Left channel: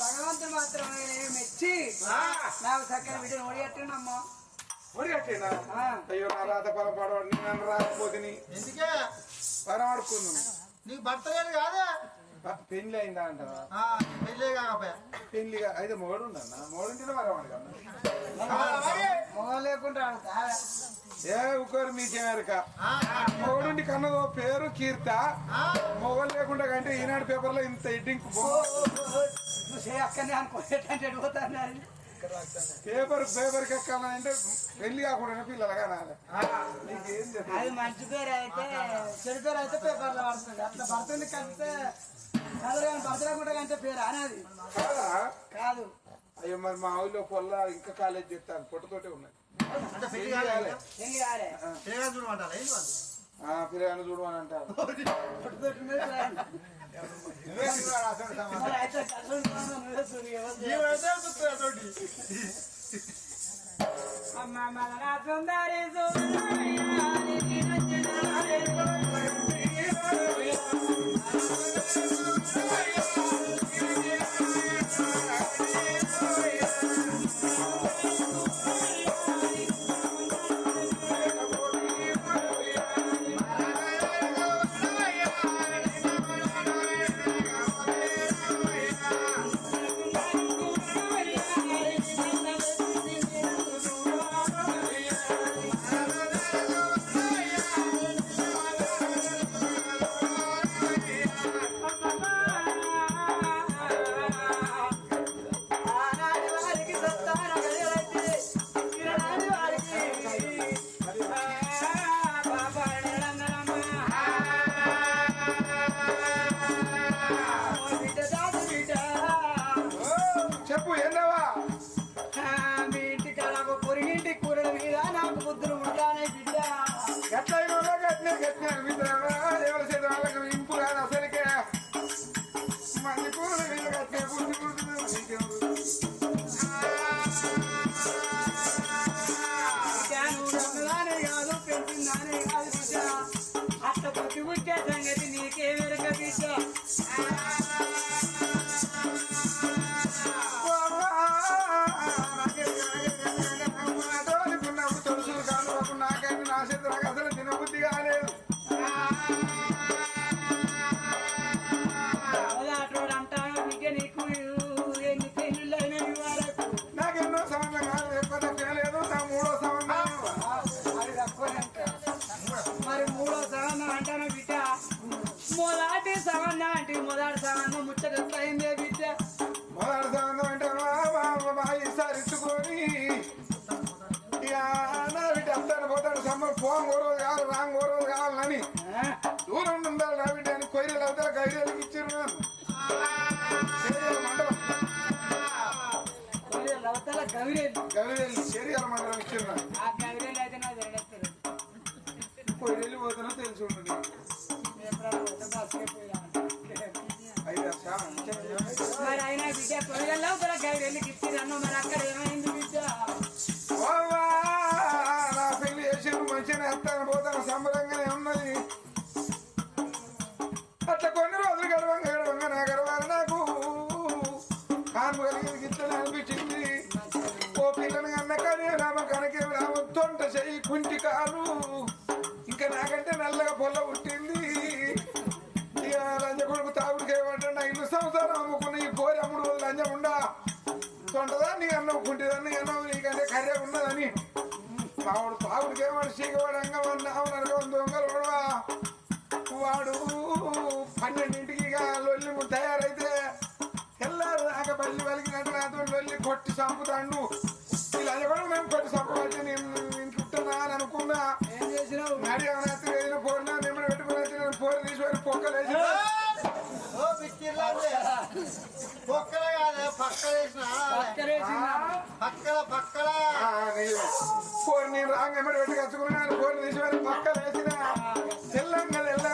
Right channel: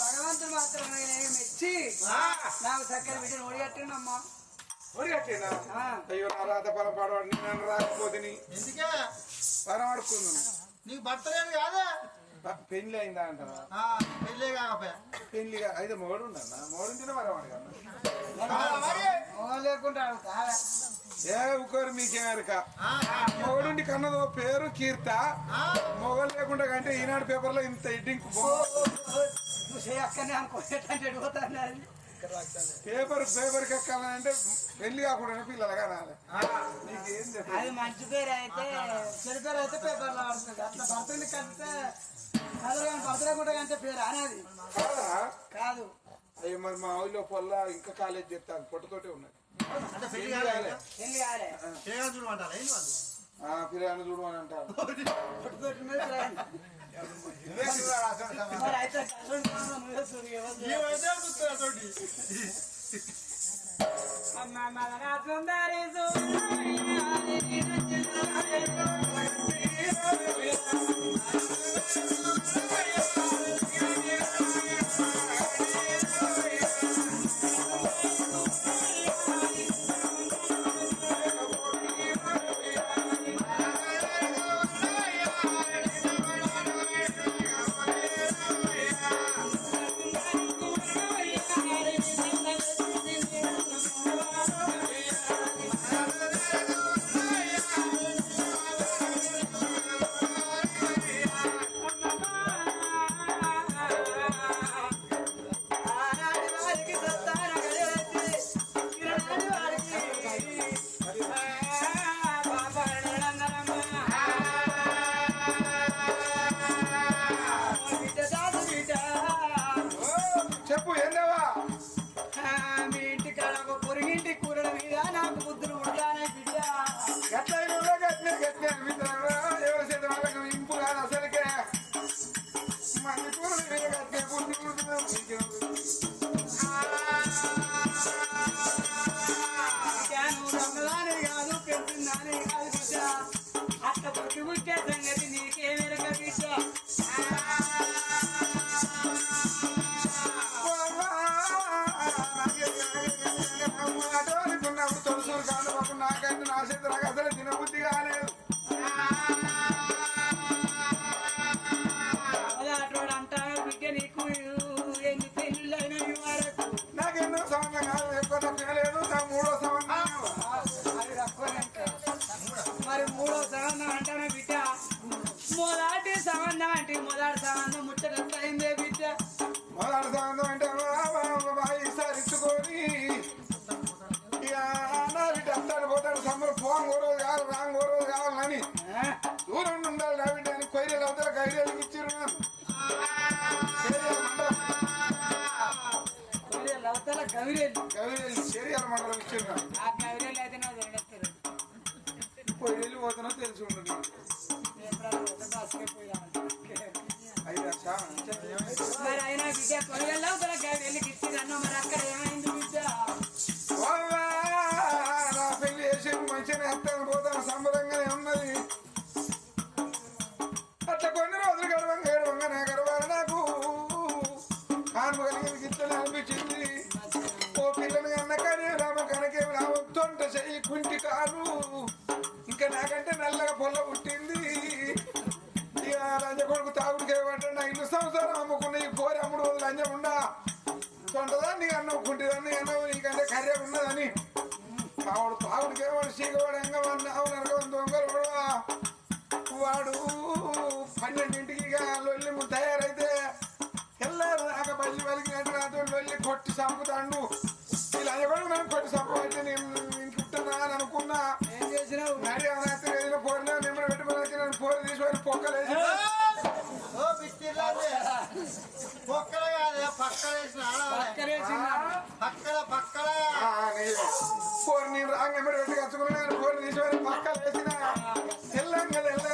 భగవంతుడు మాత్రం నేను మెచ్చి ఆ, నాకు చక్కని బిడ్డను ఒడిగట్టిండమ్మా. ఒడిగట్టేనా. అయ్యో నా రాత పొలం పడవాడు నేను నన్ను రాకపోతే ఎందుకే? వరం ఆడుకున్నాను నీకు భర్త లేదు కాదే? పెళ్ళి అయిందా అంటారా ఆ, పెళ్ళే కాకపోయా. పెళ్ళిగా అయితే మొగడు ఉండన్నా మొగడుంటేనే వరం అడగన్నా మొగం లేకుండా. ఏ ఊకోరు మీకేమరక ఆ, మొగడుండి కన్నదో పేరు కీర్త. ఆ, మొగలు లేకుండా కంటే ఈనాడు పేపర్లో ఇంత అది. పేపర్ పేపర్ ఎక్కాలంటే పెళ్ళి కాకుండా పిల్లలు. నీకేం అది మంచి పేరు అయితే చెడు పేరు అయితే పేపర్లో పడుతుంది. అట్లా భర్తని కలిస్తే కదరు కానీ భర్త లేకుండా కంటే పేరు అనేది. కాదా? కాదు. అయ్యో మరి మా ఊళ్ళో పొల్ల ఇంకా కాలేజ్ చేస్తాను. పొట్టుతోటే ఉన్నది. అంటే పెళ్ళి కాలే పెళ్ళి కాలే పెళ్ళి కాదు చూడమంటారా ఏంటి వాళ్ళు ఆ పిల్లగాని చూడమని అంటారు పుట్టు తొంటదాన్ని అన్నం కుంటిదాన్ని అన్నం నీకంటే కర్రె ఉన్నదని. తావుడు తావుడికి ఏమని చీకవాడు దొంగలు కూడా. వాడు పన్నెండింటికి ఇక లొల్లి తయారైతే తెల్లారు దాకా బల్లి వెలిగినట్టు నాతో లొల్లి కొట్టి చంపుతాండు. ఇలా ఎవరు మేము కొట్టి చంపబట్టి నేను ఇంటుంటున్నా అని అనుకున్నా. ఏం చేసినావు? నాడి ఏమైనా వేసిన పోరినా మిమ్మల్ని పెట్టుకుని నేను పోరు తీసుకొని పొక్కలేసి బిస్కిర్లాంటి పొక్కల కాదే పక్కల వేసిన పక్కలేసిందా? పక్కల పక్కల ఆ, నీవే. పోరు నేను రాంగ్ ఎమ్మడి పెట్టి కచ్చుకున్నాను పోరు తీసుకొని పక్కలేసిన తెల్లంగా తెల్లారి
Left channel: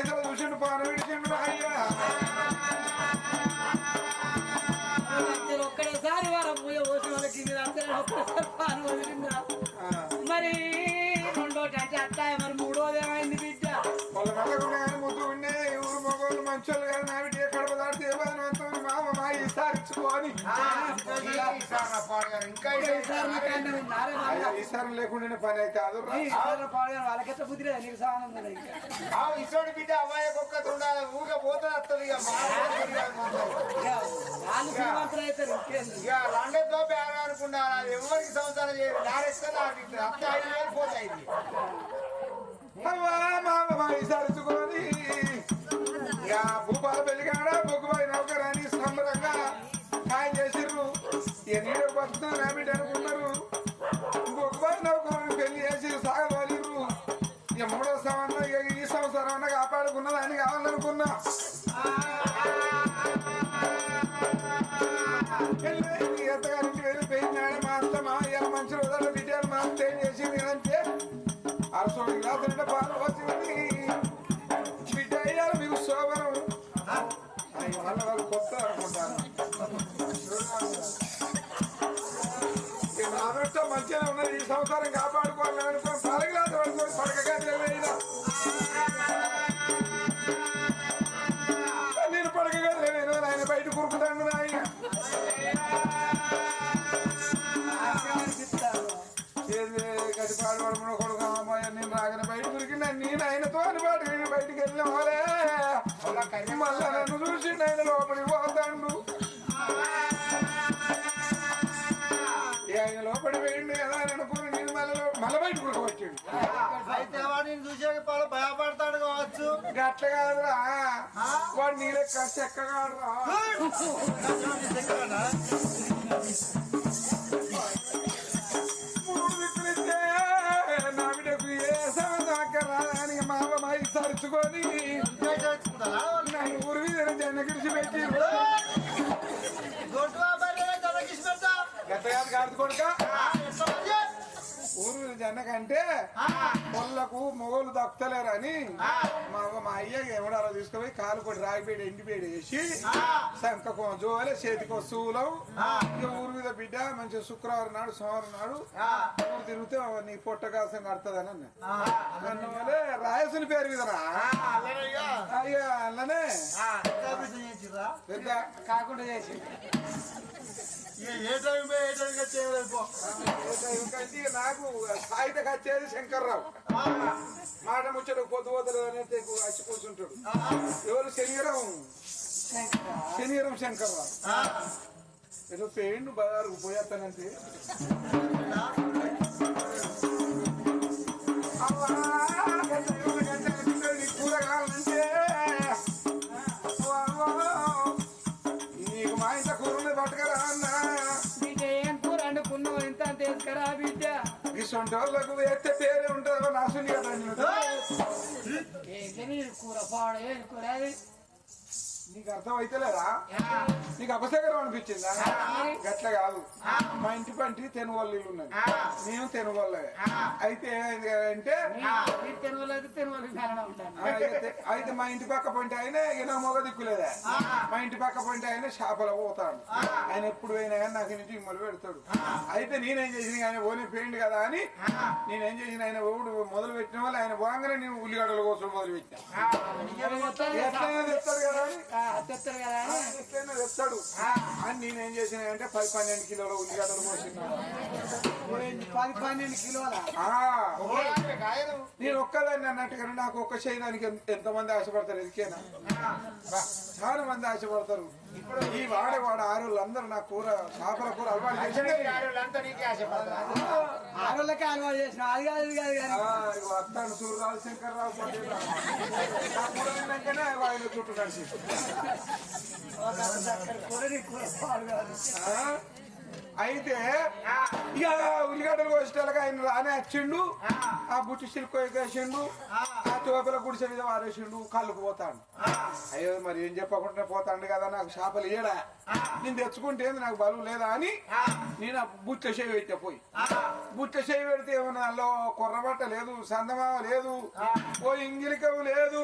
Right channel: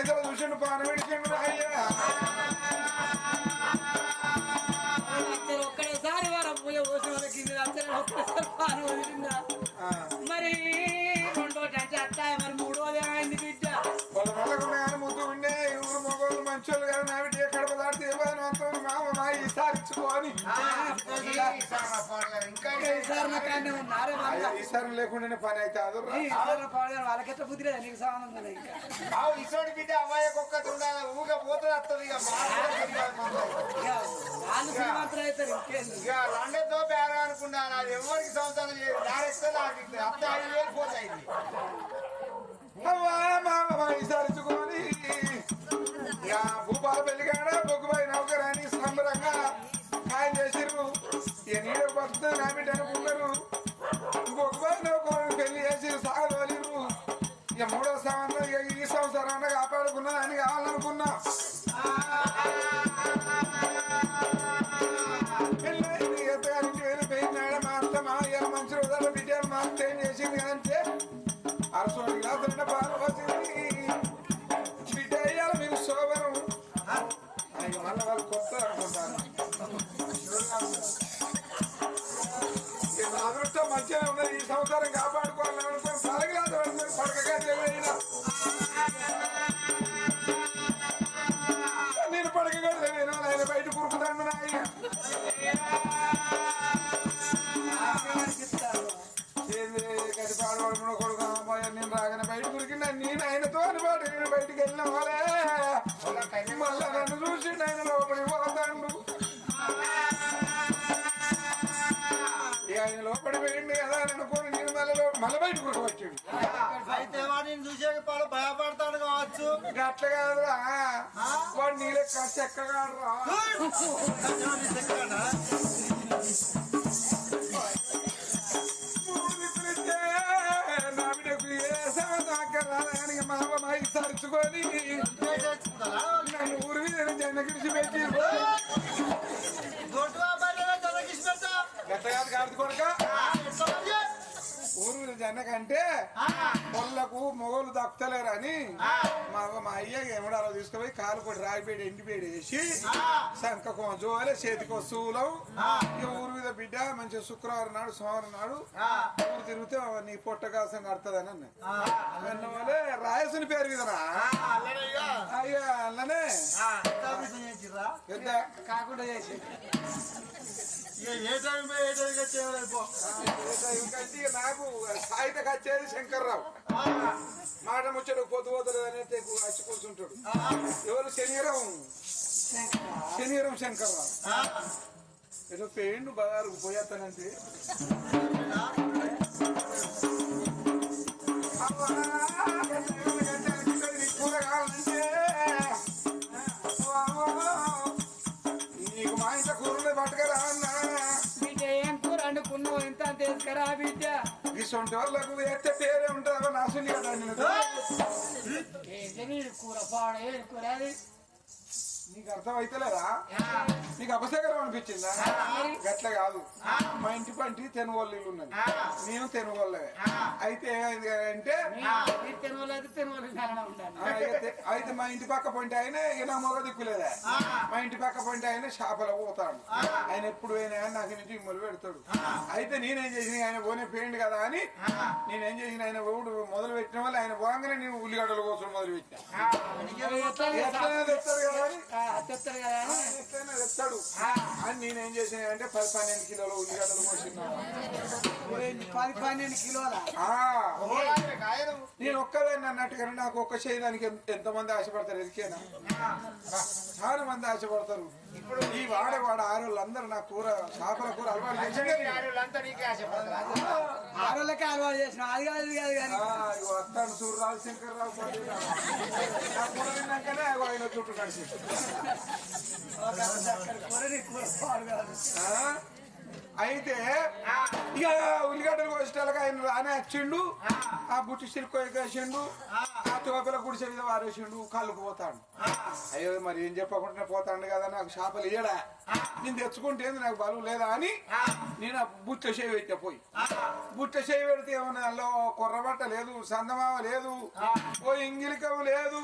పైసలు చూసిండు పాన విడిచిండు అయ్యా. ఒక్కడేసారి వారం పూజ పోసిన వాళ్ళకి ఒక్కసారి పాను వదిలిందా మరి రెండోటి అంటే అత్తాయి మరి మూడోది ఏమైంది బిడ్డ. వాళ్ళ మెల్లకుండా కానీ ముద్దు ఉండే మగోళ్ళు మంచోళ్ళు కానీ నా బిడ్డ అంత మామ మా ఇంకా ఈసారి ఉన్నారే మళ్ళా. ఈసారి లేకుండానే పని అయితే పాడు వాళ్ళకైతే బుద్ధి లేదా? ఇంకా. బిడ్డ అమ్మాయి ఊరికే పోతుంది వస్తుంది అది ఎవరికి సంవత్సరం చేయదు నారేస్తే నాకు అత్త ఐదు వేలు పోతాయి భూపాల పెళ్ళిగాడ బొగ్గుబాయి నౌకరాని సంబరంగా. ఖాయం చేసిర్రు. ఇక నీడే బతుకుతుంది నా బిడ్డ అనుకున్నారు. ఇంకొకసారి నౌకరాని పెళ్ళి చేసి సాగదోలిర్రు ఇక మూడో సంవత్సరం ఇక ఈ సంవత్సరం కాపాడుకున్నా అని కావాలనుకున్నా. పెళ్ళైంది అత్తగారింటి వెళ్ళిపోయింది మా అత్త మా అయ్య మంచి రోజుల్లో బిడ్డలు మా అత్త ఏం చేసింది కదంటే అరసోడు గ్లాసులు పాలు వచ్చింది బిడ్డ అయ్యాలి మీకు శోభనం. మళ్ళీ వాళ్ళు కొత్త అనుకుంటాను మంచిగా ఉన్నది ఈ సంవత్సరం కాపాడుకోవాలని అనుకుని పాల గ్లాసు పడుకొని పడక గదిలో పోయినా నేను పడక గదిలో నేను ఆయన బయట కురుకుతాను నాయ్య ఏంది గది పాడు పడకుండా కొడుకు అమ్మాయి నేను రాగానే బయట కురికింది నేను ఆయనతో అని పాటు నేను బయటికి వెళ్ళిన వాళ్ళే మళ్ళా సమదాకా రాని మా అమ్మ మా ఇచ్చి తరుచుకొని నన్ను ఊరి మీద జన గిడిచి పెట్టి గట్టగాది కాదు కొడుక. ఊరు మీద జన కంటే పొల్లకు మొగోళ్ళు దక్కుతలేరని మా మా అయ్య అలా తీసుకుపోయి కాలు కొట్టి రాగిపేడి ఎండిపేడి వేసి శంఖకో జోలే చేతికి వస్తువులం ఇక ఊరు మీద బిడ్డ మంచి శుక్రవారం నాడు సోమవారం నాడు తిరిగితే నీ పొట్ట కాసం కడుతుందని అన్న. అందువల్లే రాయసిన పేరు కదరా అయ్యో అన్ననే పెద్ద కాకుండా చేసి ఏ టైం ఏ టైం ఇంకంటే ఇక నాకు సాయిత కచ్చేది శంకర్రావు. మాట ముచ్చడు పొద్దు పోతలు అనేది వచ్చి కూర్చుంటాడు. ఎవరు? శనిగరం శనిగరం శంకర్రావు. ఏదో పేండు బజారుకు పోయేస్తానంటే అవ్వా, తీసుకురా బిడ్డ ఇటువంటి వాళ్ళకు వేస్తే పేరే ఉంటుంది నాసుని కదా కూర పాడ కూర అది? నీకు అర్థం అయితే లేదా నీకు అపశకరం అనిపించిందా? గట్ల కాదు. మా ఇంటి పంటి తెనుగోళ్ళు ఇల్లు ఉన్నది. నేను తెనుగోళ్ళే అయితే ఏమైంది అంటే అయితే తినవలు చాలా ఉండాలి. అయితే అయితే మా ఇంటి పక్క పంటి ఆయన ఇక నా మొగ దిక్కులేదా. మా ఇంటి పక్క పంటి ఆయన షాపలో పోతాడు. ఆయన ఎప్పుడు పోయినా కానీ నాకు ఇంటి ఇమ్మలు పెడతాడు. అయితే నేనేం చేసిన ఆయన పోనే పోయింది కదా అని నేనేం చేసిన ఆయన మొదలు పెట్టిన వాళ్ళు ఆయన పోగానే నేను ఉల్లిగడ్డల కోసం మొదలు పెట్టాను తెస్తాడు కదా. ఎట్లయినా తెస్తాడు. అని నేనేం చేసిన అంటే పది పన్నెండు కిలోల ఉల్లిగడ్డలు పోసినాడు పది పన్నెండు కిలోల? నేను ఒక్కదాన్ని అన్నట్టుగా నాకు ఒక్క చేయడానికి ఎంత మంది ఆశపడతారు? ఎదికేనా? చాలా మంది ఆశపడతారు. ఈ వాడే వాడ ఆరులందరూ నా కూర చేపల కూర అలవాటు చేసిందే. ఆడోళ్ళకే అలవాటు చేసిన అది కాదు ఇది కాదు కానీ. వస్తాడు సూర్యరావు శంకర్రావు రావు. నా కూర తిన్నాకనే వాడిన చుట్టూ కలిసి కూరని కూర? అయితే ఇక ఉల్లిగడ్డలు కోసేటాలకు ఆయన రానే వచ్చిండు ఆ బుట్టి సిల్క్ వేసిండు ఆ. తోకల గుడిసె మీద వారేసిండు కళ్ళుకు పోతాడు. అయ్యో మరి ఏం చెప్పకుండా పోతాడు కదా నాకు చేపలు ఇయ్యడా? నేను తెచ్చుకుంటే ఏంది నాకు బలువు లేదా అని నేను ఆ బుట్ట చేయి పెట్టా పోయి. బుట్ట చేయి పెడితే ఏమన్నా అందులో కొర్రబట్ట లేదు సందమామ లేదు ఓ ఇంగిలికవు లేదు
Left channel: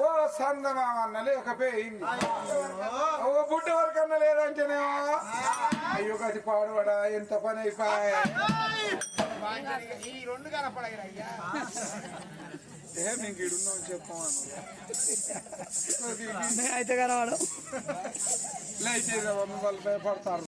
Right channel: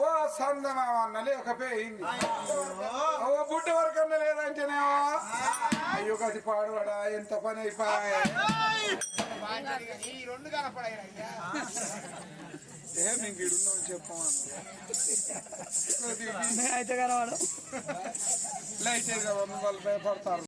ఓ సందమామ అన్న లేకపోయింది. ఓ బుట్ట వరకన్నా లేదంటేనేమో? అయ్యో గది పాడువాడా? ఎంత పని అయిపోయా? ఏ మేము ఇడున్నాం చెప్పాను అయితే కనవాడు లైట్ వాళ్ళు భయపడతారు